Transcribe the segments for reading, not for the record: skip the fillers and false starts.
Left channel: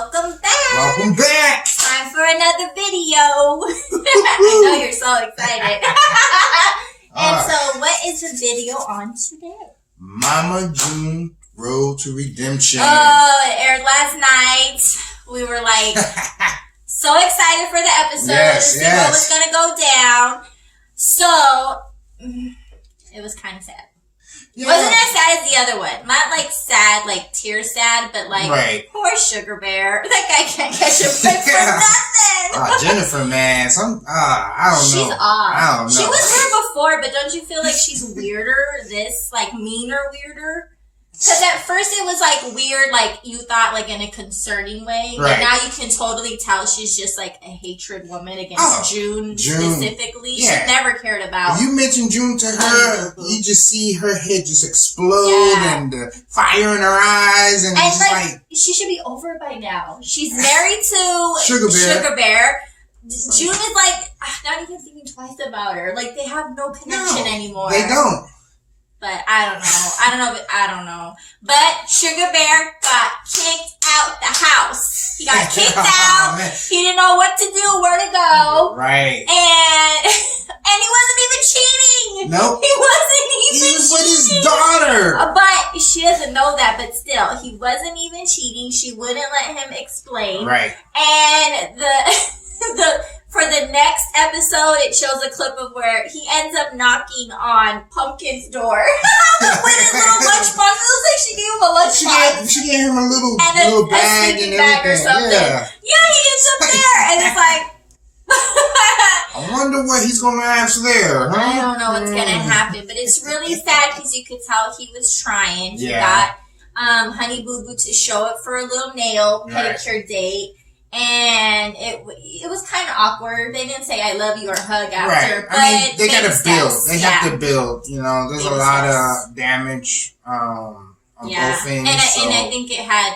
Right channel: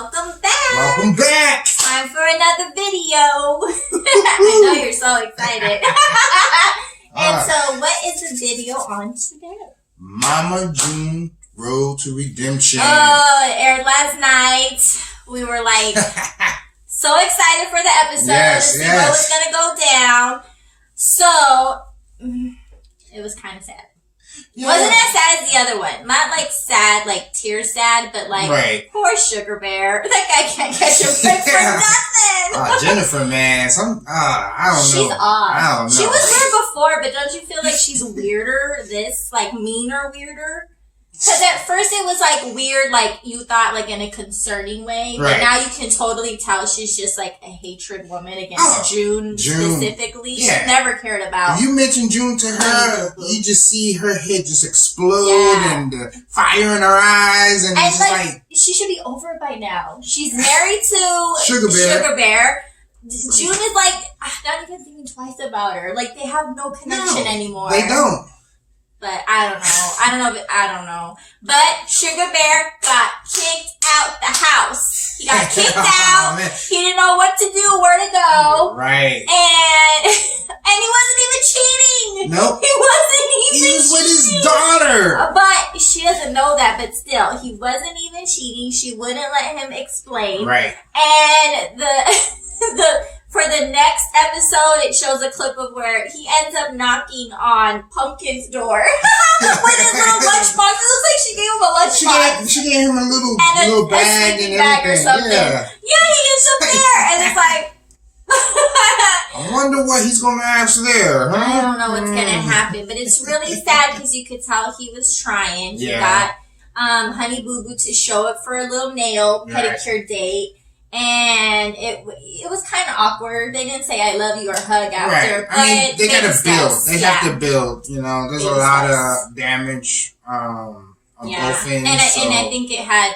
Welcome back. Welcome back. Time for another video. I know you're so excited. So what is the video on today? Mama June Road to Redemption. Oh, it aired last night. We were like so excited for the episode to see what was going to go down. So it was kind of sad. Yeah. Wasn't as sad as the other one. Not like sad, like tear sad, but like poor Sugar Bear. That guy can't catch a break for nothing. Jennifer, man, I don't know. She's odd. I don't know. She was weird before, but don't you feel like she's weirder? Meaner, weirder? Because at first it was like weird, like you thought like in a concerning way. But now you can totally tell she's just like a hatred woman against June specifically. Yeah. She never cared about. If you mention June to her, you just see her head just explode and fire in her eyes. And it's like she should be over it by now. She's married to Sugar Bear. June is like, not even thinking twice about her. Like they have no connection anymore. They don't. But I don't know. But Sugar Bear got kicked out the house. He got kicked out. He didn't know what to do, where to go. Right. And he wasn't even cheating. Nope. He wasn't even cheating. He was with his daughter. But she doesn't know that, but still, he wasn't even cheating. She wouldn't let him explain. Right. And for the next episode, it shows a clip of where he ends up knocking on Pumpkin's door with his little lunchbox. It looks like she gave him a lunchbox. She gave him a little bag and bag or something. Yeah, he is up there, and it's like. I wonder what he's gonna ask there. Huh? I don't know what's gonna happen, but it's really sad because you could tell he was trying. He got Honey Boo Boo to show up for a little nail pedicure date. And it was kind of awkward. They didn't say "I love you" or hug after. Right. I mean, they gotta build. They have to build. You know, there's a lot of damage on both ends. And I think it had,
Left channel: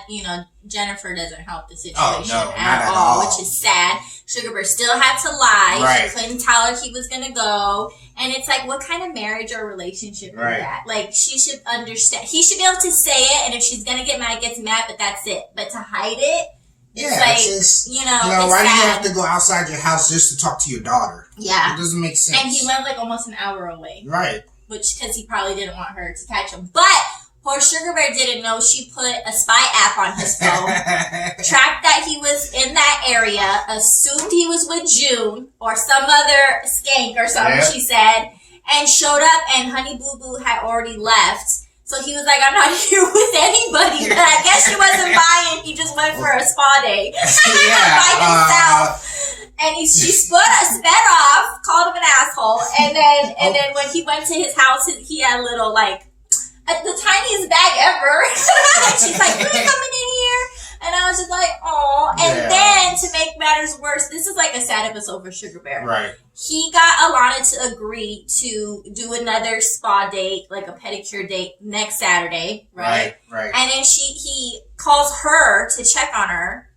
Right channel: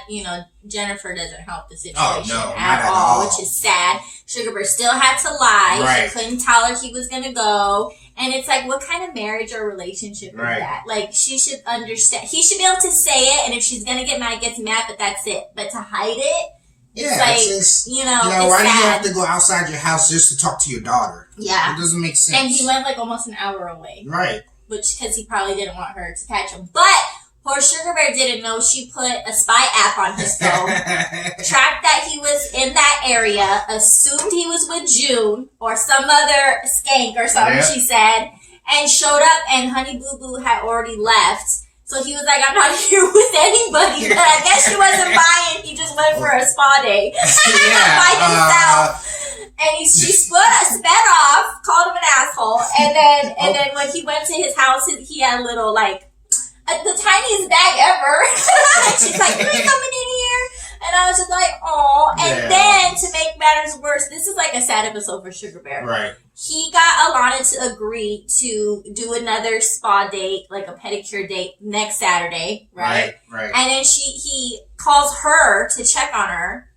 Jennifer doesn't help the situation at all, which is sad. Sugar Bear still had to lie. Right. She couldn't tell her he was gonna go. And it's like, what kind of marriage or relationship is that? Like, she should understand. He should be able to say it, and if she's gonna get mad, gets mad. But that's it. But to hide it. It's why do you have to go outside your house just to talk to your daughter? Yeah. It doesn't make sense. And he went like almost an hour away. Right. Because he probably didn't want her to catch him. But poor Sugar Bear didn't know she put a spy app on his phone, tracked that he was in that area, assumed he was with June or some other skank or something, she said, and showed up, and Honey Boo Boo had already left. So he was like, I'm not here with anybody. But I guess she wasn't buying. He just went for a spa day by himself. And she sped off, called him an asshole. And then when he went to his house, he had a little, the tiniest bag ever. And she's like, "Are you coming in here?" And I was just like, "Oh." And then to make matters worse, this is like a sad episode for Sugar Bear. Right. He got Alana to agree to do another spa date, like a pedicure date next Saturday, right? Right. And then he calls her to check on her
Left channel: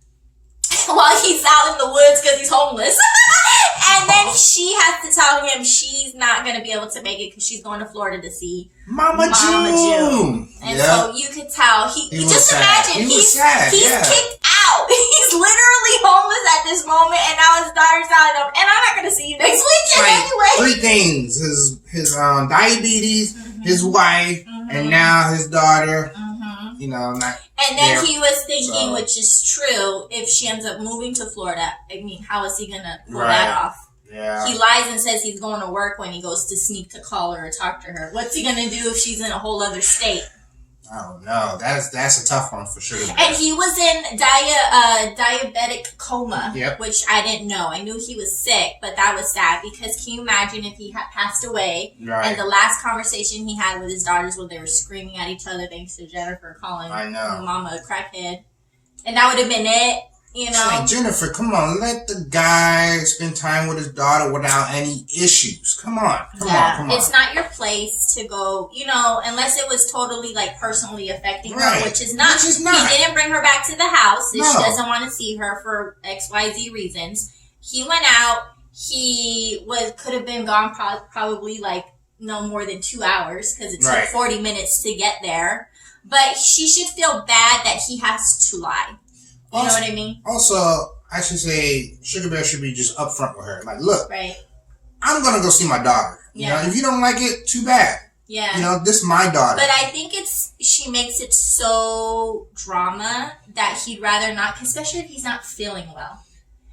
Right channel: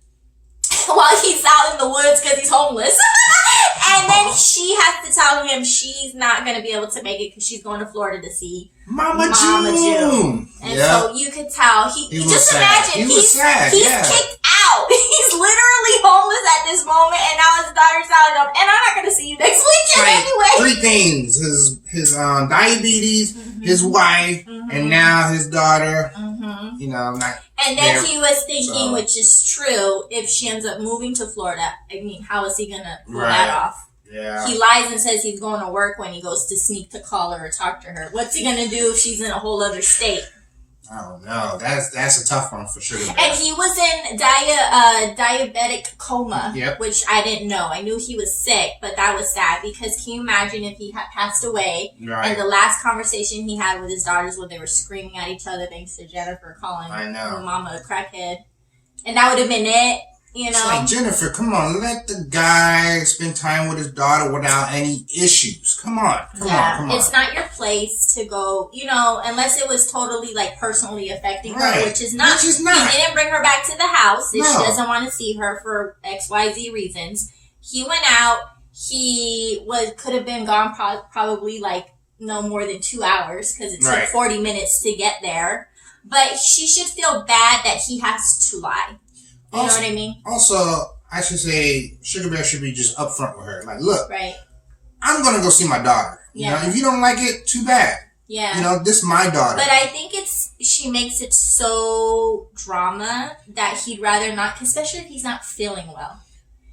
while he's out in the woods because he's homeless. And then she has to tell him she's not going to be able to make it because she's going to Florida to see Mama June. And so you could tell he just sad. imagine he's kicked out. He's literally homeless at this moment, and now his daughter's telling him, and I'm not going to see you next weekend anyway. Three things: his diabetes, his wife, and now his daughter. And then he was thinking, which is true, if she ends up moving to Florida, I mean, how is he going to pull that off? Yeah. He lies and says he's going to work when he goes to sneak to call her or talk to her. What's he going to do if she's in a whole other state? I don't know. That's a tough one for Sugar Bear. And he was in diabetic coma, which I didn't know. I knew he was sick, but that was sad because can you imagine if he had passed away and the last conversation he had with his daughters when they were screaming at each other thanks to Jennifer calling Mama a crackhead. And that would have been it. It's like, Jennifer, come on, let the guy spend time with his daughter without any issues. Come on. It's not your place to go, unless it was totally personally affecting her, which is not. He didn't bring her back to the house if she doesn't want to see her for XYZ reasons. He went out. He could have been gone probably no more than 2 hours because it took 40 minutes to get there. But she should feel bad that he has to lie. You know what I mean? Also, I should say Sugar Bear should be just upfront with her. Like, look, right. I'm gonna go see my daughter. You know, if you don't like it, too bad. Yeah. You know, this is my daughter. But I think she makes it so drama that he'd rather not, especially if he's not feeling well.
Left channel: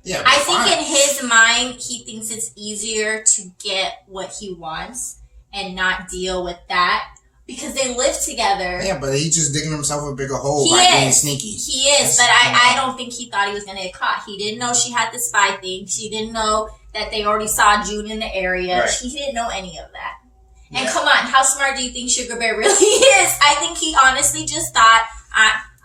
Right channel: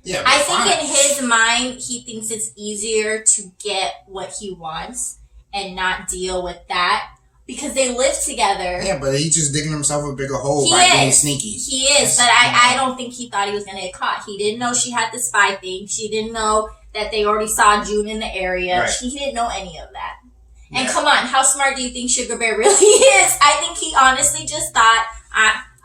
Yeah. I think in his mind, he thinks it's easier to get what he wants and not deal with that because they live together. Yeah, but he's just digging himself a bigger hole by being sneaky. He is, but I don't think he thought he was going to get caught. He didn't know she had the spy thing. She didn't know that they already saw June in the area. Right. He didn't know any of that. Yeah. And come on, how smart do you think Sugar Bear really is? I think he honestly just thought,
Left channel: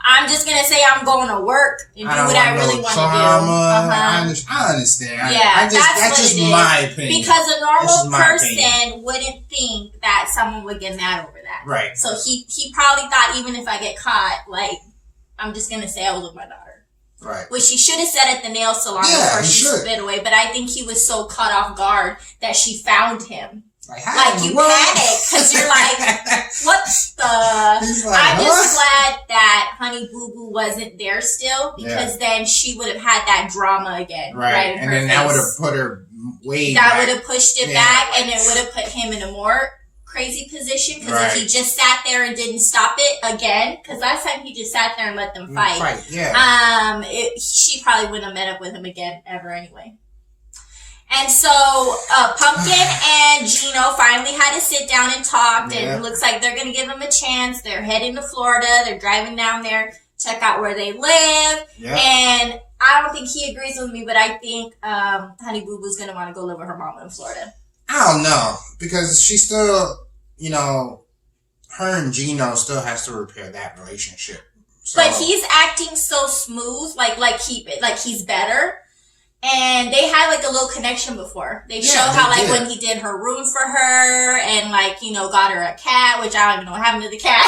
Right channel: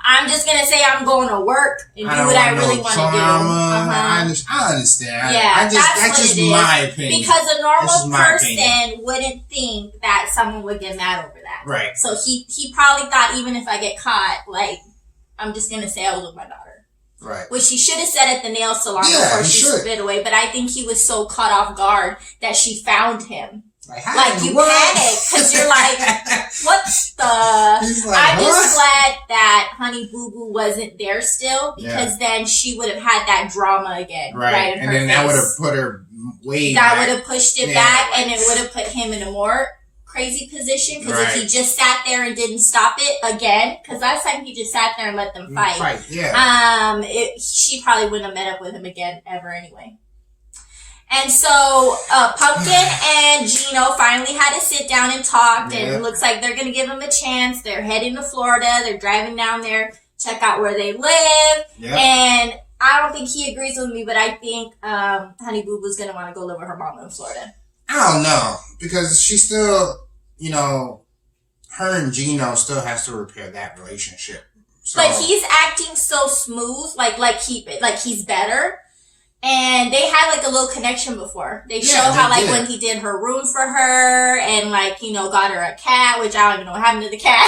I'm just going to say I'm going to work and do what I really want to do. I understand. Yeah, that's just my opinion. Because a normal person wouldn't think that someone would get mad over that. Right. So he probably thought, even if I get caught, like, I'm just going to say I was with my daughter. Right. Which he should have said at the nail salon before she spit away. But I think he was so caught off guard that she found him. Like you panic because you're like, what the? I'm just glad that Honey Boo Boo wasn't there still because then she would have had that drama again. Right. And then that would have put her way back. That would have pushed it back and it would have put him in a more crazy position because if he just sat there and didn't stop it again, because last time he just sat there and let them fight. She probably wouldn't have met up with him again ever anyway. And so Pumpkin and Gino finally had to sit down and talk. And it looks like they're going to give him a chance. They're heading to Florida. They're driving down there, check out where they live. And I don't think he agrees with me, but I think Honey Boo Boo's going to want to go live with her mama in Florida. I don't know. Because she still, you know, her and Gino still has to repair that relationship. So. But he's acting so smooth, like he's better. And they had like a little connection before. They showed how like when he did her room for her and like, you know, got her a cat, which I don't even know what happened to the cat.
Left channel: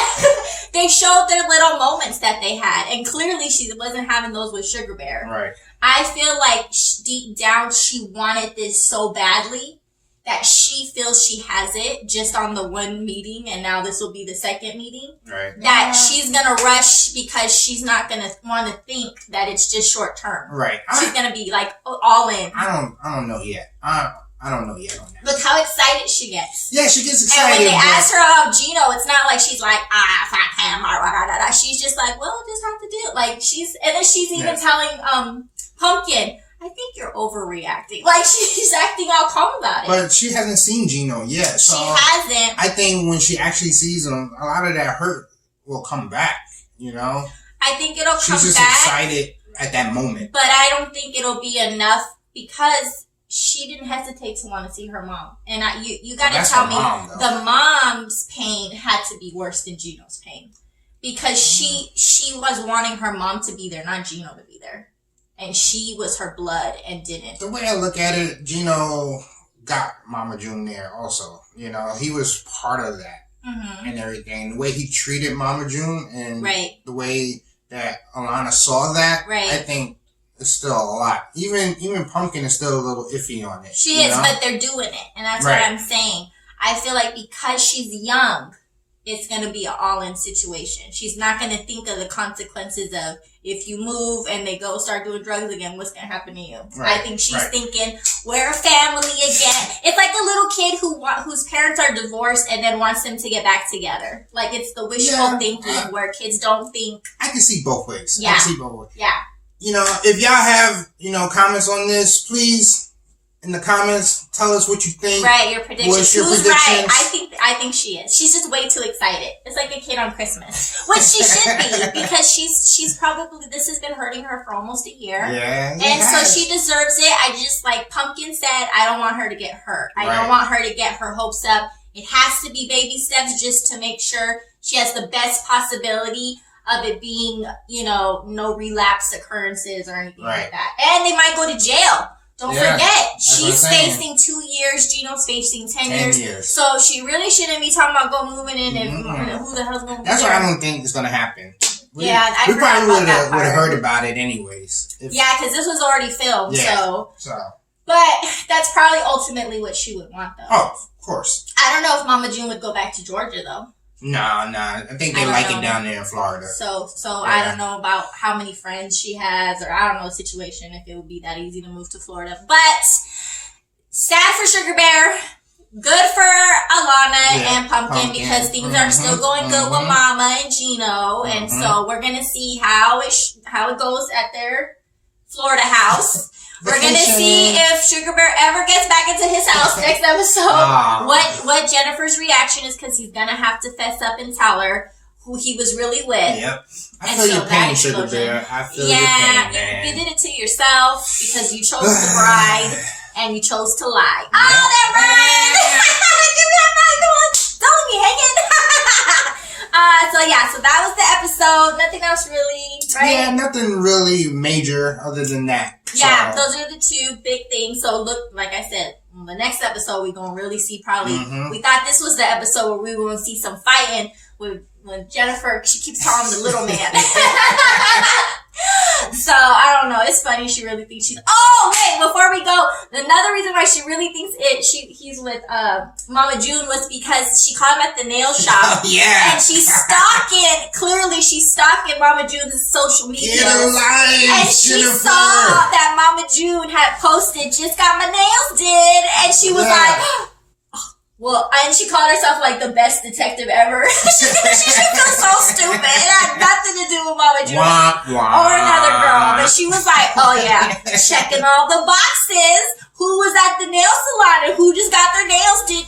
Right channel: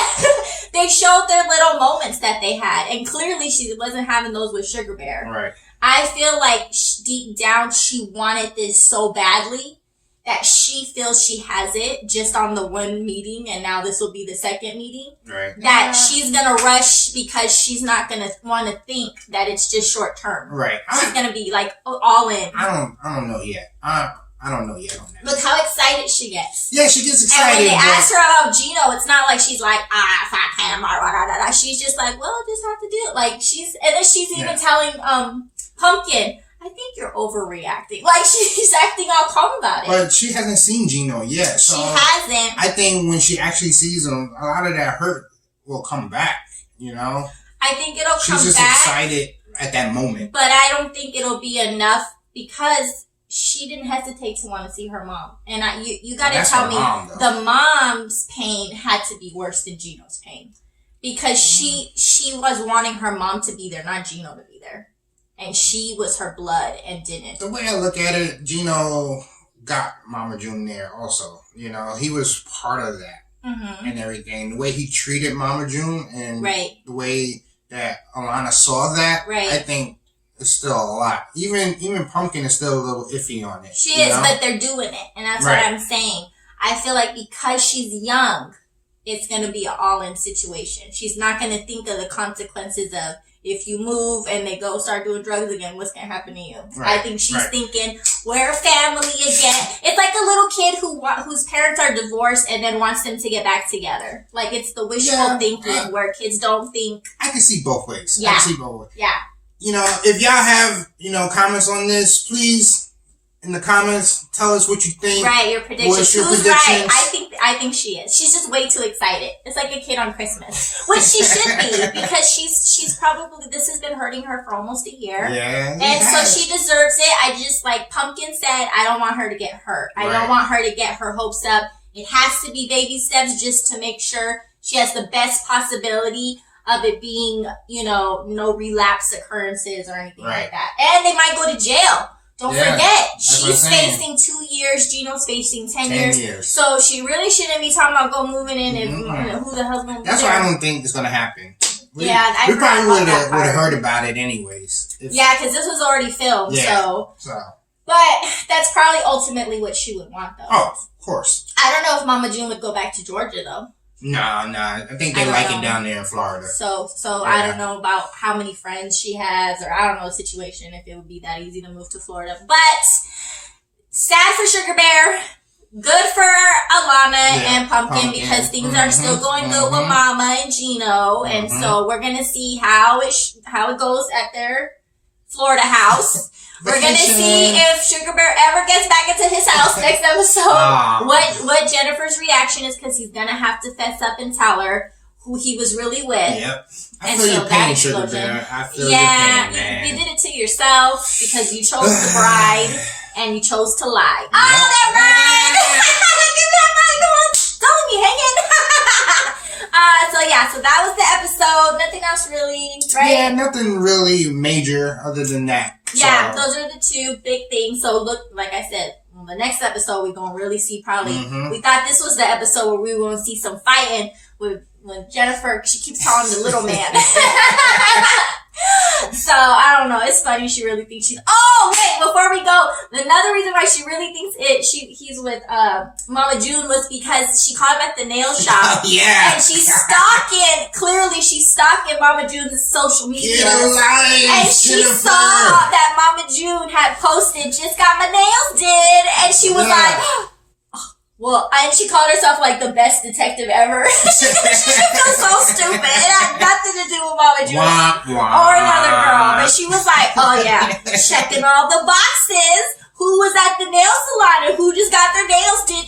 They showed their little moments that they had. And clearly she wasn't having those with Sugar Bear. Right. I feel like deep down she wanted this so badly that she feels she has it just on the one meeting, and now this will be the second meeting. Right. That she's gonna rush because she's not gonna want to think that it's just short term. Right. She's gonna be like all in. I don't know yet. I don't know yet on that. Look how excited she gets. Yeah, she gets excited. And when they ask her about Gino, it's not like she's like, fuck him, or She's just like, well, just have to do it. Like and then she's even telling Pumpkin, I think you're overreacting. Like, she's acting all calm about it. But she hasn't seen Gino yet. So she hasn't. I think when she actually sees him, a lot of that hurt will come back, you know? I think it'll come back. She's just excited at that moment. But I don't think it'll be enough because she didn't hesitate to want to see her mom. And you got to tell me, the mom's pain had to be worse than Gino's pain. Because she was wanting her mom to be there, not Gino to be there. And she was her blood and didn't. The way I look at it, Gino got Mama June there also. You know, he was part of that and everything. The way he treated Mama June and the way that Alana saw that, I think it's still a lot. Even Pumpkin is still a little iffy on it. She is, but they're doing it. And that's what I'm saying. I feel like because she's young, it's going to be an all-in situation. She's not going to think of the consequences of if you move and they go start doing drugs again, what's going to happen to you? I think she's thinking, we're a family again. It's like a little kid whose parents are divorced and then wants them to get back together. Like, it's the wishful thinking where kids don't think. I can see both ways. Yeah. I can see both ways. Yeah. You know, if y'all have, comments on this, please, in the comments, tell us what you think. Right, your predictions. What's your Who's predictions? right? I think she is. She's just way too excited. It's like a kid on Christmas, which she should be because she's probably, this has been hurting her for almost a year. Yeah. And so she deserves it. I just, like Pumpkin said, I don't want her to get hurt. I don't want her to get her hopes up. It has to be baby steps just to make sure she has the best possibility of it being, no relapse occurrences or anything like that. And they might go to jail. Don't forget, she's facing 2 years. Gino's facing 10 years. So she really shouldn't be talking about go moving in and who the hell's going to be That's why I don't think it's going to happen. We I probably would have heard about it anyways. Because this was already filmed. So. But that's probably ultimately what she would want, though. Oh, of course. I don't know if Mama June would go back to Georgia, though. No. I think they like it down there in Florida. So I don't know about how many friends she has, or I don't know the situation, if it would be that easy to move to Florida. But sad for Sugar Bear. Good for Alana and Pumpkin because things are still going good with Mama and Gino. And so we're going to see how it goes at their Florida house. We're going to see if Sugar Bear ever gets back into his house next episode. What Jennifer's reaction is, because he's going to have to fess up and tell her who he was really with. Yep. I feel your pain, Sugar Bear. I feel your pain, man. You did it to yourself because you chose the bride and you chose to lie. Yep. Oh, that bride! Give me that mic, come on. Don't leave me hanging. So that was the episode. Nothing else really, right? Yeah, nothing really major other than that. Yeah, those are the two big things. So look, like I said, the next episode we're gonna really see probably. We thought this was the episode where we were gonna see some fighting with when Jennifer. She keeps calling him the little man. So I don't know. It's funny. She really thinks she's. Oh wait! Before we go, another reason why she really thinks he's with Mama June was because she caught him at the nail shop. Yeah. And she's stalking. Clearly, she's stalking Mama June's social media. Get alive, and she saw that Mama June had posted, "Just got my nails did," and she was like. Well, and she called herself like the best detective ever. she feels so stupid. It had nothing to do with Mama June or another girl. But she was like, oh yeah, checking all the boxes. Who was at the nail salon and who just got their nails did?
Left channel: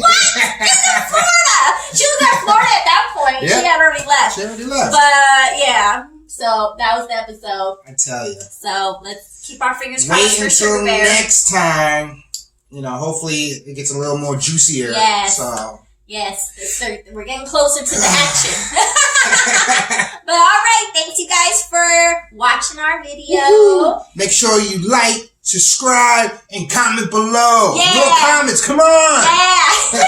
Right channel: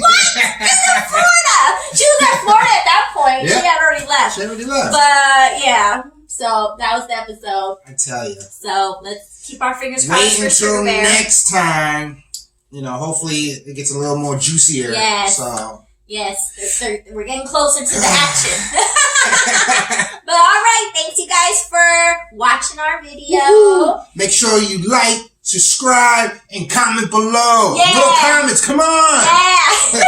What? She's in Florida. She was in Florida at that point. Yep. She had already left. But yeah, so that was the episode. I tell you. So let's keep our fingers crossed for Sugar Bear. Wait until next time. Hopefully it gets a little more juicier. Yes. So. Yes. We're getting closer to the action. But all right. Thanks you guys for watching our video. Woo-hoo. Make sure you like, subscribe, and comment below. Yeah. No comments. Come on. Yeah.